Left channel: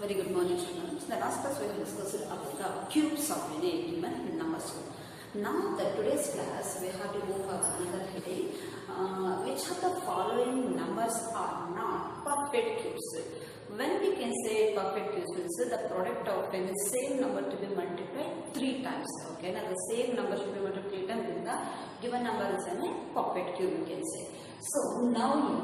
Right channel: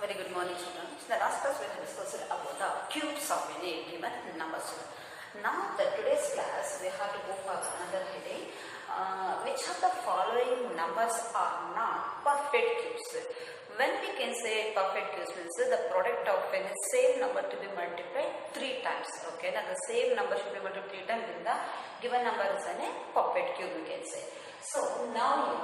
Very good morning, children. In the last class, we have discussed about the cubes of any given numbers. Now, the today's class, we have to go for another heading. Which of the following numbers are not perfect cubes? When we can say perfect cubes, means the product of the same number to be multiplied 3 times. Okay, now the same number should be multiplied 3 times. Then the given number is a perfect cube, we can say. So now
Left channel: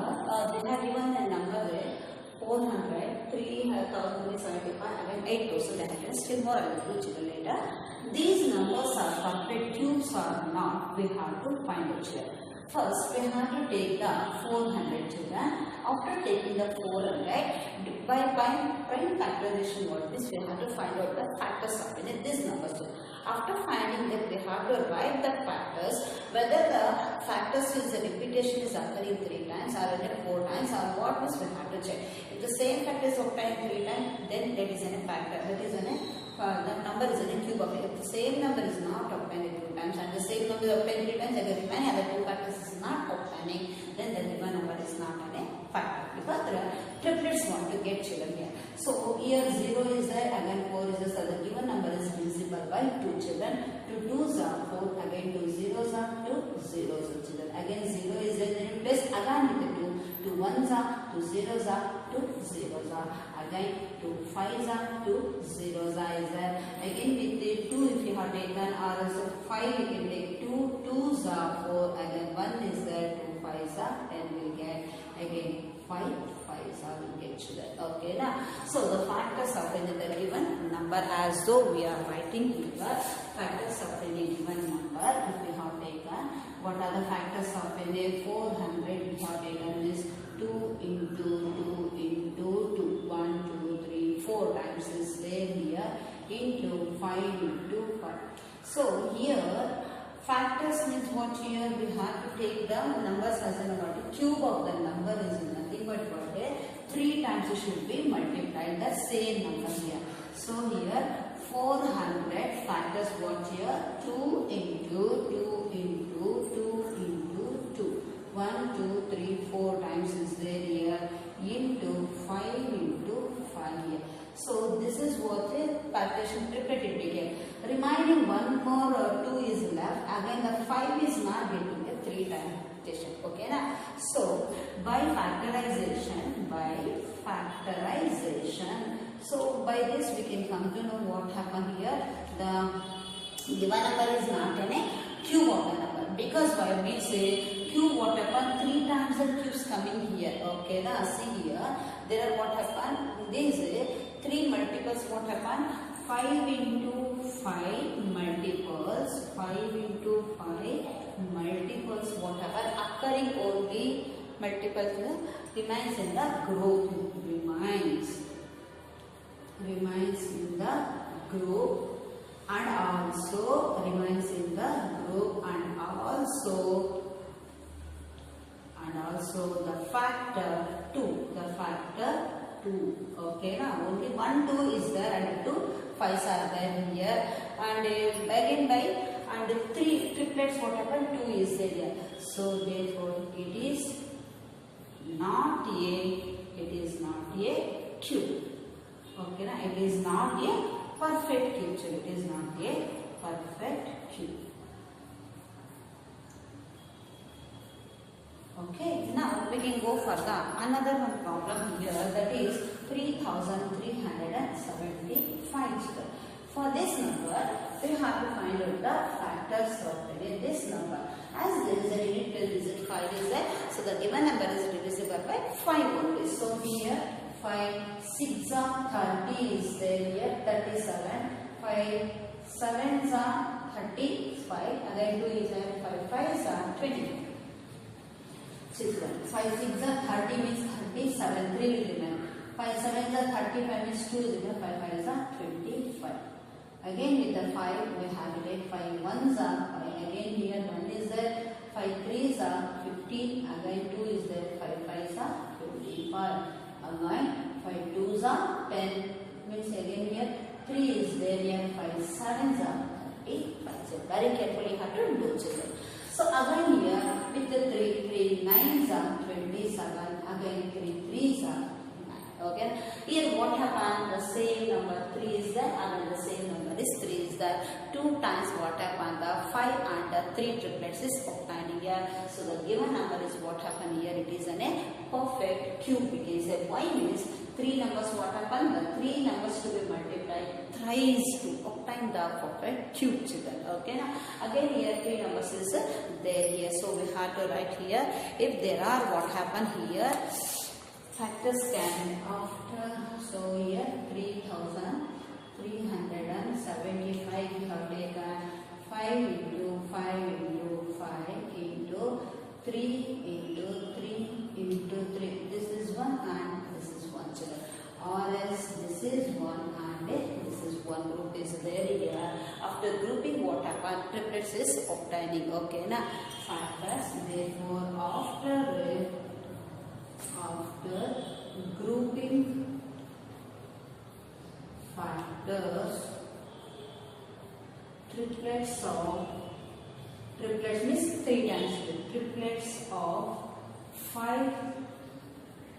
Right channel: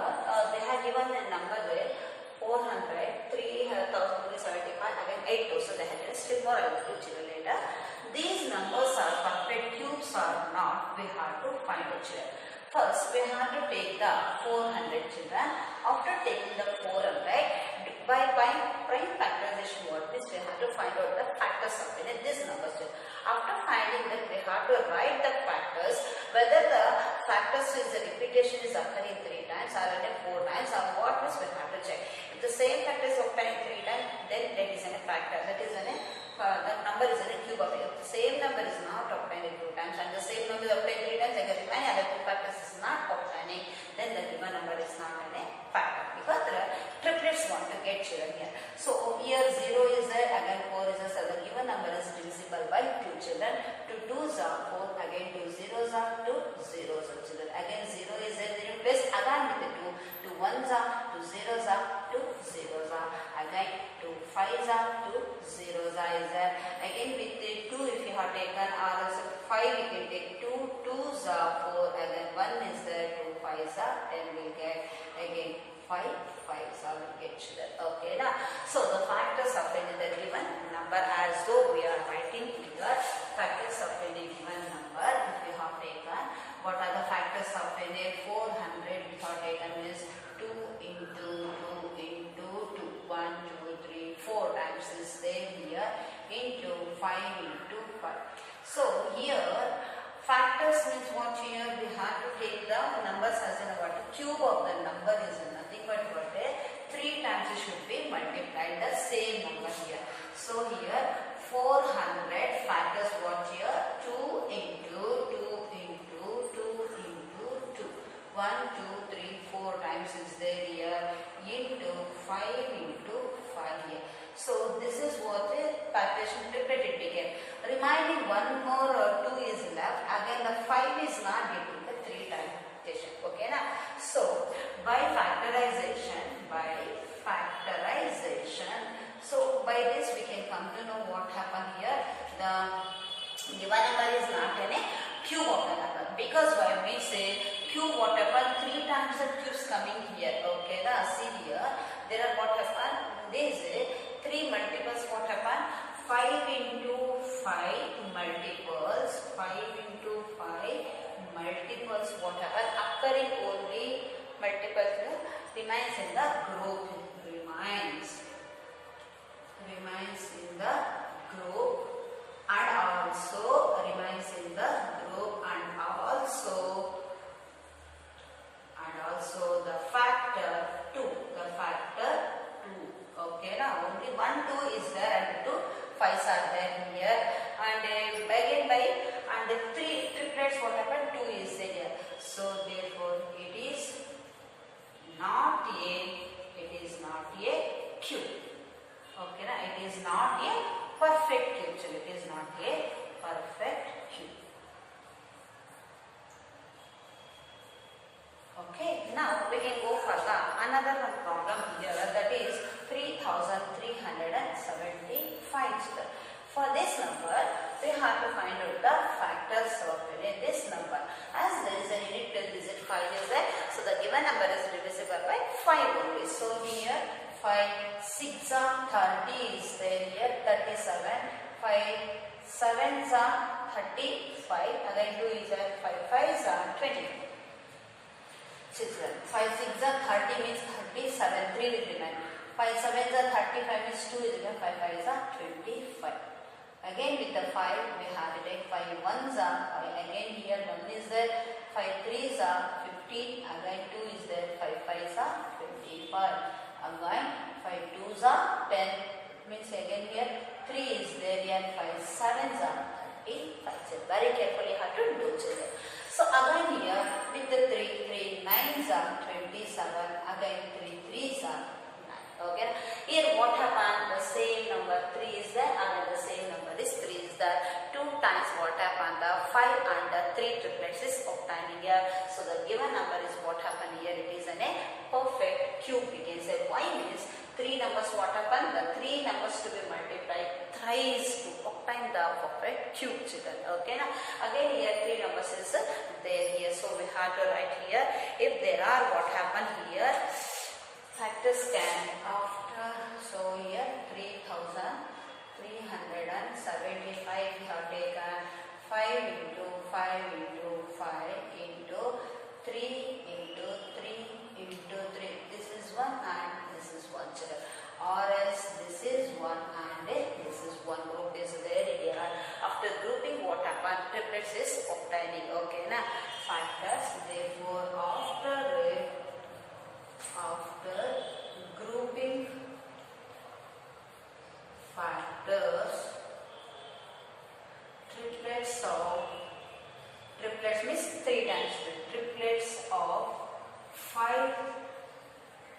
they have given a number there. 400, 3075, again 8 so they have still more I will do later. These numbers are perfect cubes or not, we have to find out here. First, we have to take the 400 children. After taking the 400, by prime factorization what is, we have to find out the factors of this number. After finding that, we have to write the factors, whether the factors is a repetition is occurring 3 times or 4 times or what is, we have to check. If the same factor is obtained 3 times, then that is a factor. That is the number is in a cube of it. If the same number is not obtained 2 times and the same number is obtained 3 times, again many other 2 factors is not obtaining, then the given number is not a factor. Because the triplets want to get children here. So here 0 is there, again 4 is there, so the given number is divisible by 2 children. To 2s are 4, again 2 zeros are 2 zeros are children. Again 0 is there, then replace again with the 2. 2 1s are 2 zeros are 2 zeros are. Again 2 5s are 2 zeros are is there. Again with the 2 if you have taken or also 5 you can take 2 2s are 4, again 1 is there, 2 5s are 10 we get, again 5 5s are we get children. Okay now, so the factors of the given number, as though we are writing here, factors of any given number, if we have taken, what are the factors of any 400 we have taken is 2 into 2 into 2, 1 2 3 4 times is there here, into 5 into 5. So here factors means what, here we have to take the numbers as in what, cube of the number is nothing but what, 3 times it should be multiplied the same number here. So here 400 factors what here, 2 into 2 into 2 into 2, 1 2 3 4 times is there here, into 5 into 5 here. So this is what the partition triplet it became. Remaining one more 2 is left. Again the 5 is not getting the 3 times partition. Okay na? So by factorization, so by this we can come to know what happened here. The given number is not a cube of the number, because why we say cube what happened, 3 times the cubes coming here. Okay na? See here, there are what happened, this 3 multiples what happened, 5 into 5 multiples, 5 into 5 multiples what happened, occurring only multiples remains in the group, remains in the group, and also remains in the group, and also the factor 2, okay now only 1 2 is there and 2 5s are there here, and again by and the 3 triplets what happened, 2 is there here. So therefore it is not a cube. Okay na, it is not a perfect cube. So it is not a perfect cube. Okay, now we can go for another one problem here, that is 3375. For this number, we have to find out the factors of this number. As there is a unit till digit 5 is there, so the given number is divisible by 5 only. So here 5 6 are 30 is there here, 37, 5 7s are 35, again 2 is there, 5 5s are 20. 5 6 are 30 means 37, 3 will remain. 5 7s are 35 means 2 is there, 5 5s are 25. Again with the 5 we have to take 5 1s are 5, again here 1 is there, 5 3s are 15, again 2 is there, 5 5s are 25, again 5 2s are 10, means again here 3 is there here, 5 7s are 35. So very carefully you have to do children. So again here with the 3 9s are 27, again 3 3s are 9. Okay. Here what happened? The same number 3 is there, and the same number is 3 is there. 2 times what happened? The 5 and the 3 triplets is obtained here. So the given number is what happened here? It is a perfect cube. We can say y means 3 numbers what happened? The 3 numbers to be multiplied thrice to obtain the perfect cube, children. Okay. Now again here 3 numbers is there here. So we have to write here. If there are what happened here? Factors can after, so here 3375 we have taken 5 into 5 into 5 into 3 into 3 into 3. This is 1 and this is 1, children. Or else this is 1 and this is 1 group is there here. After grouping what happened? Triplets is obtaining. Okay, now factors. Therefore after grouping factors, triplets means 3 times triplets of 5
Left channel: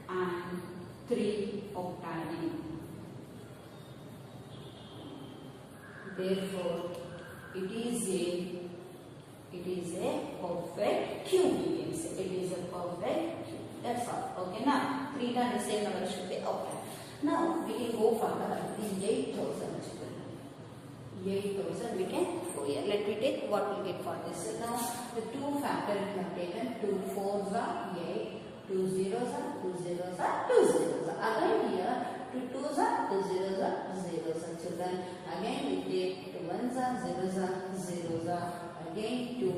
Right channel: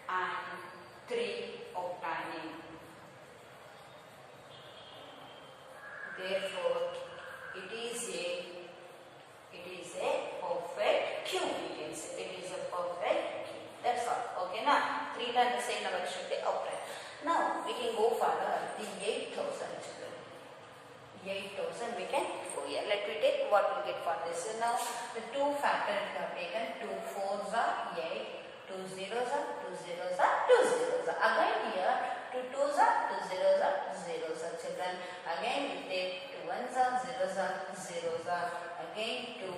and 3 obtaining. Therefore it is a perfect cube. We can say it is a perfect cube. That's all. Okay, now 3 times the same number should be obtained. Now we can go further. The 8,000. 8,000 we can go here. Let me take what we get for this. So now the 2 factor we have taken. 2 4s are 8, 2 zeros are 2 zeros are 2 zeros are. Again here 2 2s are 2 zeros are 0s are, children. Again we take 2 1s are 0s are 0s are. Again 2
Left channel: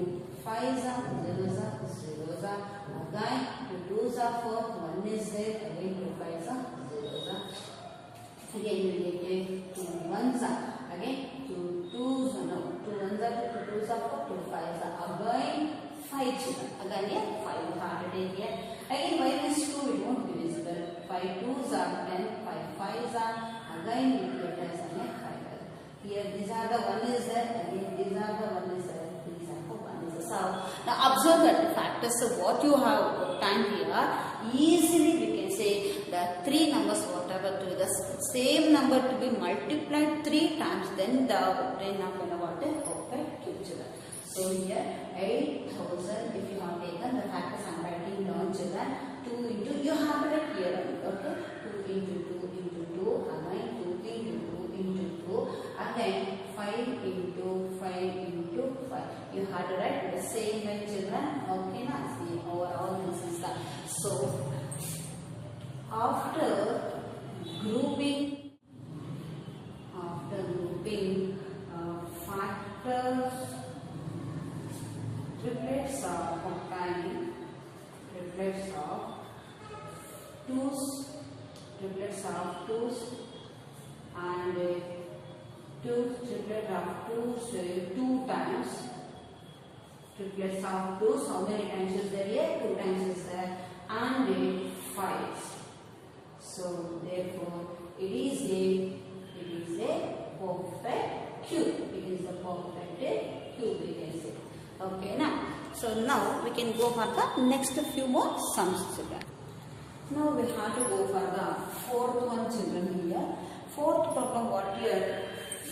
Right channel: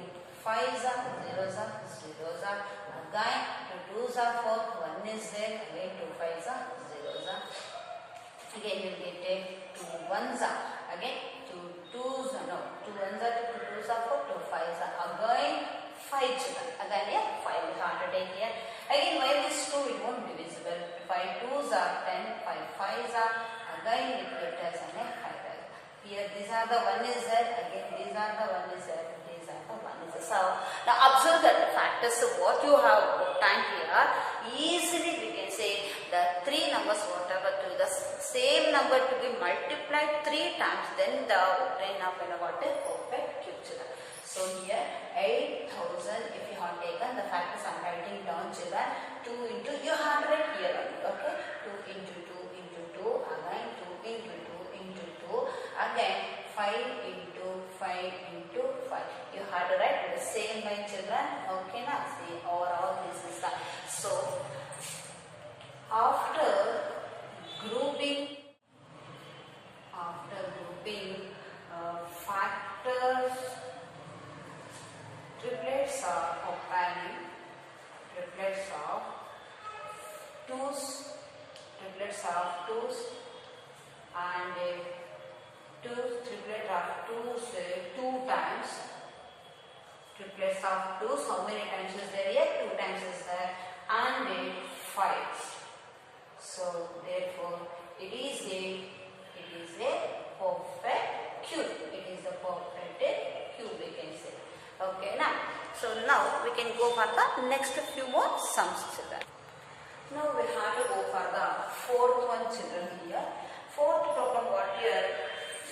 5s are 0s are 0s are. Again 2 2s are 4, 1 is there. Again 2 5s are 0s are. Again we will take 2 1s are. Again 2 2s are 2 1s are 2 2s are 4, 2 5s are. Again 5, children. Again here 5 we have to take here. Again y is 2, it won't be visible. 5 2s are 10, 5 5s are. Again it will get us 5. Here these are the 1 is there. Again these are the 1 is there. These are the 1 is there. So now observe that the factors of what you have obtained here, easily we can say the 3 numbers whatever to the same number to be multiplied 3 times, then the obtain of what is perfect cube, children. So here 8,000 if you have taken the factors, I am writing down, children. 2 into, you have to write here only. Okay, 2 into 2 into 2, again 2 into 2 into 2, again 5 into 5 into 5. You have to write the same way, children. Okay, now see overall this is the. So after grouping factors, triplets are obtaining, triplets of 2s and triplet of 2s 2 times. Triplets of 2s, how many times is there here? 2 times is there, and 5s. So therefore it is a perfect cube. It is a perfect cube, we can say. Okay, now so now we can go for the next few more sums, children. Now we have to go for the 4th one, children. Here 4th problem what here?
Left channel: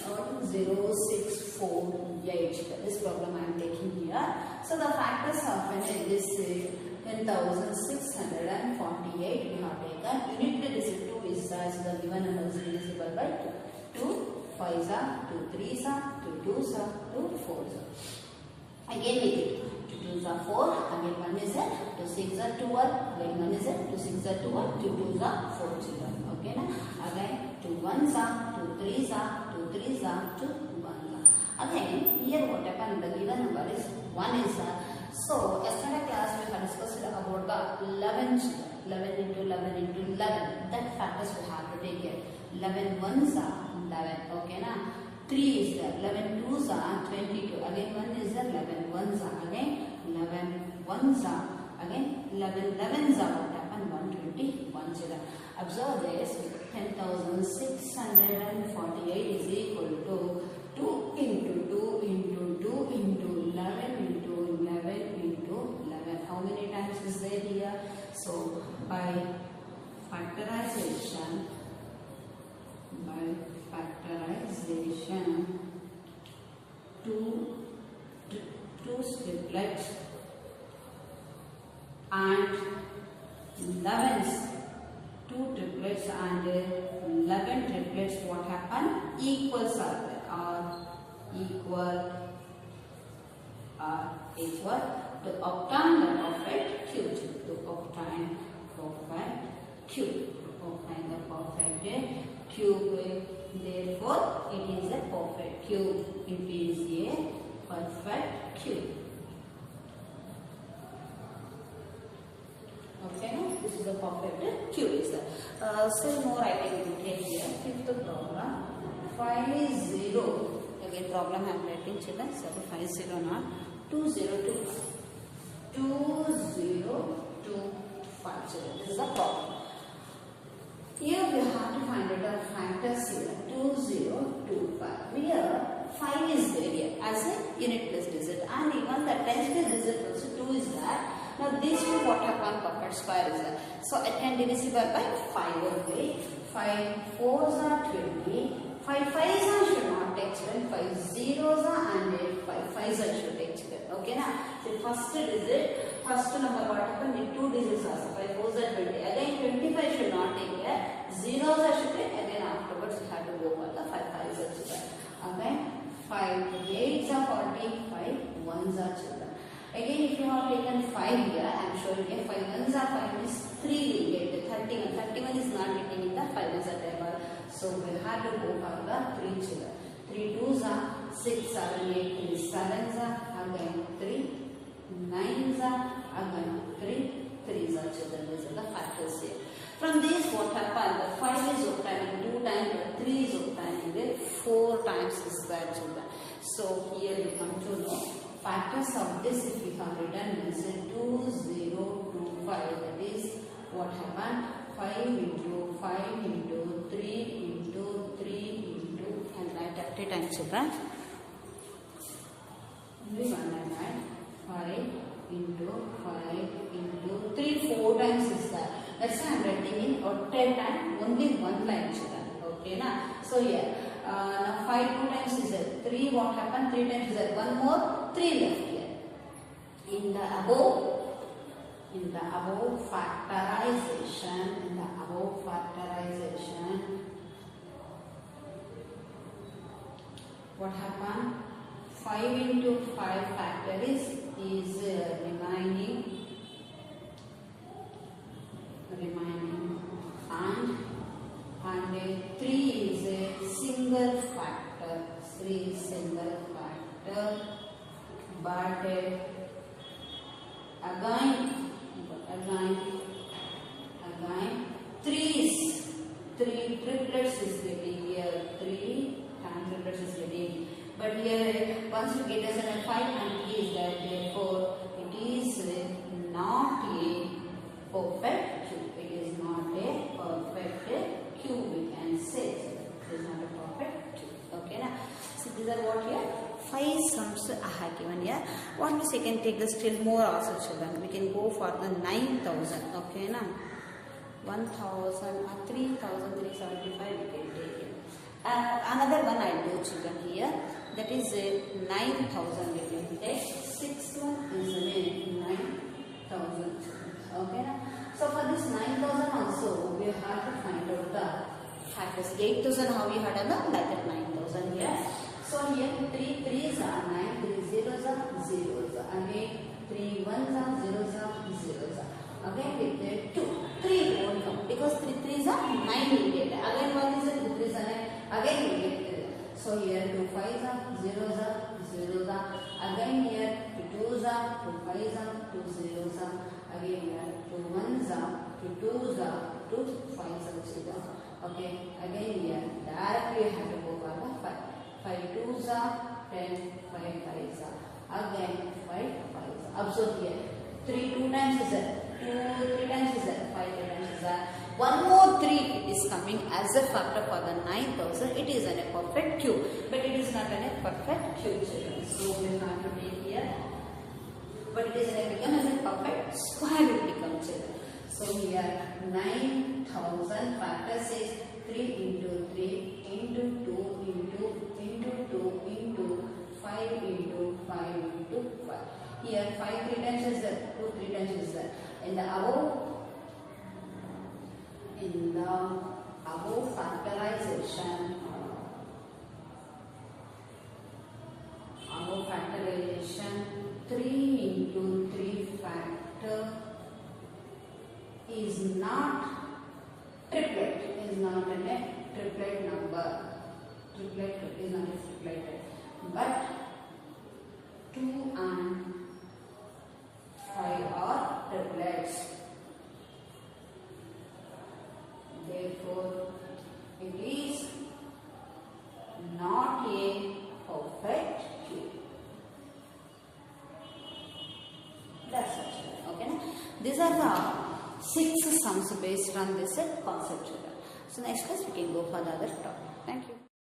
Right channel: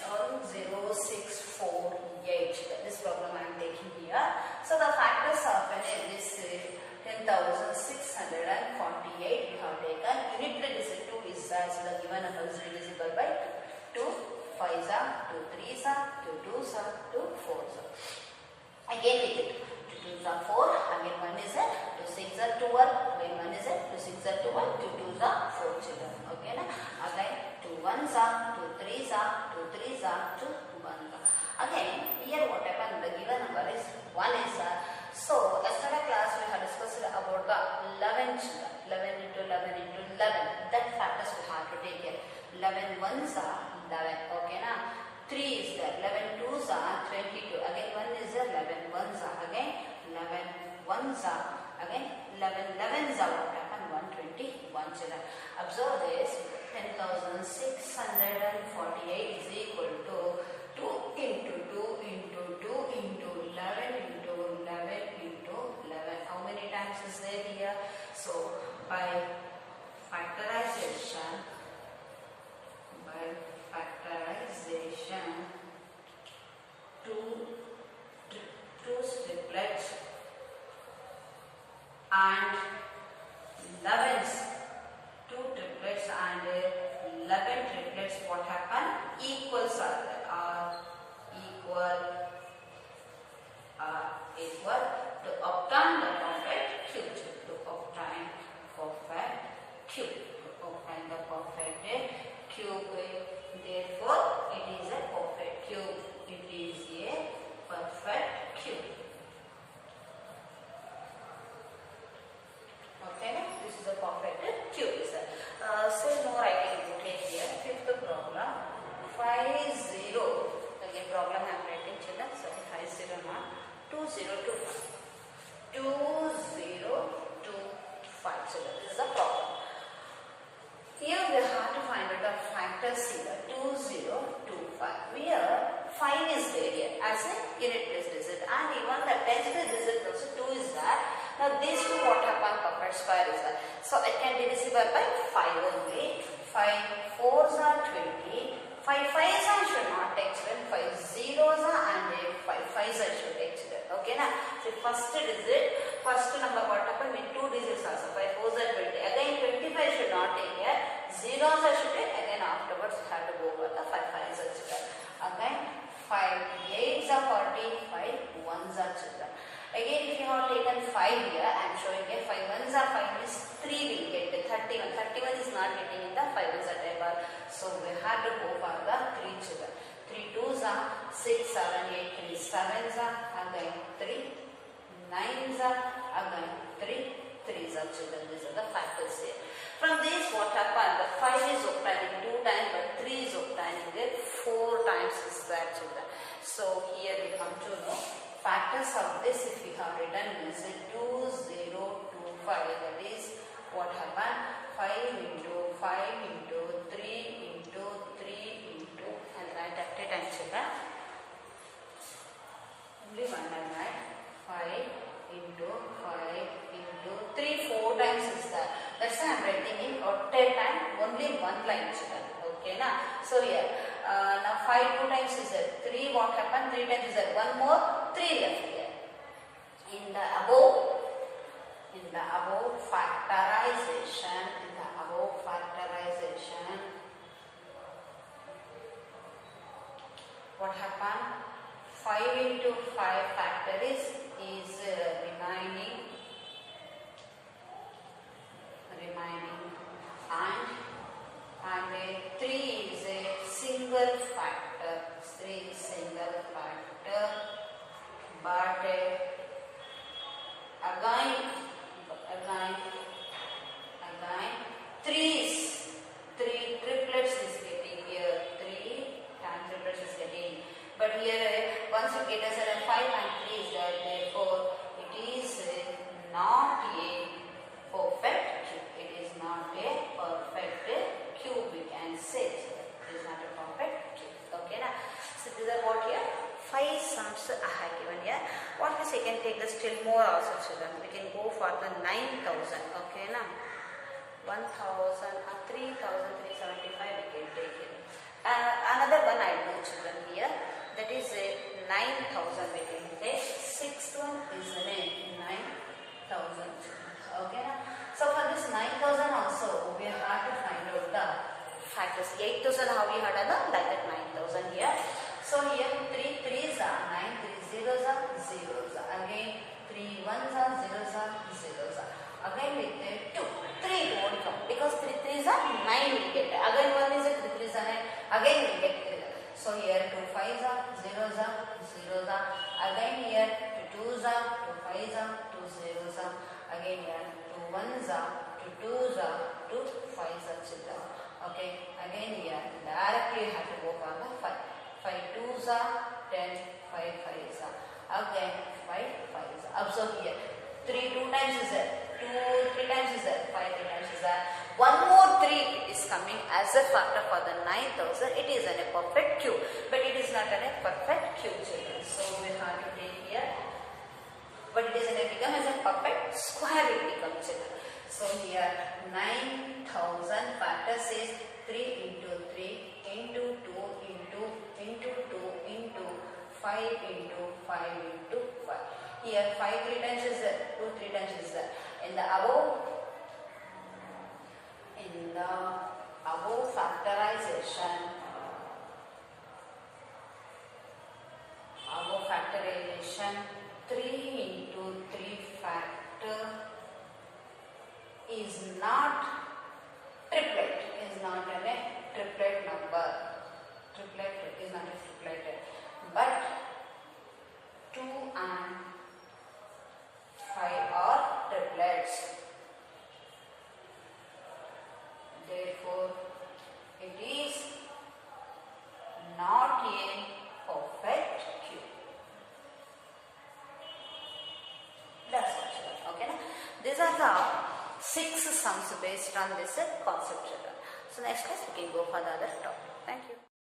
0648. This problem I am taking here. So the factors are when this 10,648 we have taken. Unit digit 2 is as the given number is divisible by 2. 2 5s are, 2 3s are, 2 2s are, 2 4s are. Again we get 2 2s are 4, again 1 is 2 6s are 12, again 1 is 2 6s are 12, 2 2s are 4, children. Okay, na? Again 2 1s are, 2 3s are, 2 3s are, 2 1s are. Again here what happened? The given number is 1 is so yesterday class we have discussed about the 11 children. 11 into 11 into 11. That factors we have to take care. 11 1s are 11. Okay, na? 3 is there. 11 2s are 22. Again 1 is there. 11 1s are. Again 11 1s are. Again 11 11s are. What happened? 121, children. Observe this. 10,648 is equal to 2 into 2 into 2 into 11 into 11 into 11. How many times is there here? So by factorization by factorization two triplets and 11 two triplets and 11 triplets, what happen? Equals are there, are equal to obtain the perfect cube. To obtain perfect cube. To obtain the perfect cube. Therefore, it is a perfect cube. It is a perfect cube. Okay, this is a perfect cube. Is there? Still more I can take here. Fifth problem. 5 0. Again, problem I am writing, children. Sorry, 5 0 now. 2 0 2 5. 2 0 2 5. Children, this is the problem. Here we have to find out the factors here. 2 0 2 5. Here 5 is there here as a unit place digit, and even the 10th place digit also 2 is there. Now these two what happen? Perfect square is there. So it can be divisible by 5 only. 5 4s are 20. 5 5s I should not take children. 5 zeros are and 5 5s I should take children. Okay na? So first digit, first number what happen with 2 digits also. 5 4s are 20. Again 25 should not take here. Zeros I should take. Again afterwards we have to go for the 5 5s are children. Again 5 8s are 40. 5 1s are children. Again, if you have taken 5 here, I am showing here 5 1s are 5 means 3 will get the 31. 31 is not getting in the 5 1s are table. So we have to go for the 3 children. 3 2s are 6, 7, 8, 3 7s are again 3, 9s are again 3, 3s are children. These are the factors here. From this what happened? The 5 is obtaining 2 times, but 3 is obtaining it 4 times is that children. So here we come to know factors of this. If we have written this is 2 0 2 5, that is what happened? 5 into 5 into 3 into 3 into, and write at a time children. Only one I write. 5 into 5 into 3 4 times is that. That's why I am writing in at a time only one line children. Okay na? So here now 5 2 times is there. 3 what happened? 3 times is there. One more 3 left here. In the above factorization, what happened? 5 into 5 factor is remaining and 3 is a single factor. 3 is single factor, but again 3 triplets is getting here. 3 times triplets is getting. But here once you get as a 5 and 3 is there, therefore it is not a perfect cube. It is not a perfect cube, we can say. So it is not a perfect cube. Okay na? So these are what here? 5 sums I have given here. What means I can take the still more also children. We can go for the 9,000. Okay na? 1,000 3,375 we can take it. Another one I do children here. That is 9,000 we can take. Sixth one is 9,000. Okay na? So for this 9,000 also we have to find out the factors. 8,000 how we had done like that 9,000 here. So here 3 3s are 9, 3 zeros are zeros. Again 3 1s are zeros are zeros. Again with the 2, 3 won't come because 3 3s are 9 we get. Again 1 is a 3 3s are 9. Again we get 3. So here 2 5s are zeros are zeros are. Again here 2 2s are 2 5s are 2 zeros are. Again here 2 1s are 2 2s are 2 5s are children. Okay. Again here directly you have to go for the 5. 5 2s are 10, 5 5s are. Again 5 5s are. Observe here 3 2 times is there. 2 3 times is there. 5 3 times is there. One more 3 is coming as a factor for the 9,000. It is a perfect cube, but it is not a perfect cube children. So we have to take here, but it is become as a perfect square. It becomes children. So here 9000 factor says 3 into 3 into 2 into 2 into 5 into 5 into 5. Here 5 3 times is there, 2 3 times is there. In the above factorization, above factorization 3 into 3 factor is not triplet, is not a triplet number. Triplet is not a triplet, but 2 and 5 are triplets. Therefore, it is not a perfect cube. That's what. Okay, na? These are the 6 sums based on this concept. So next class we can go for the other topic. Thank you.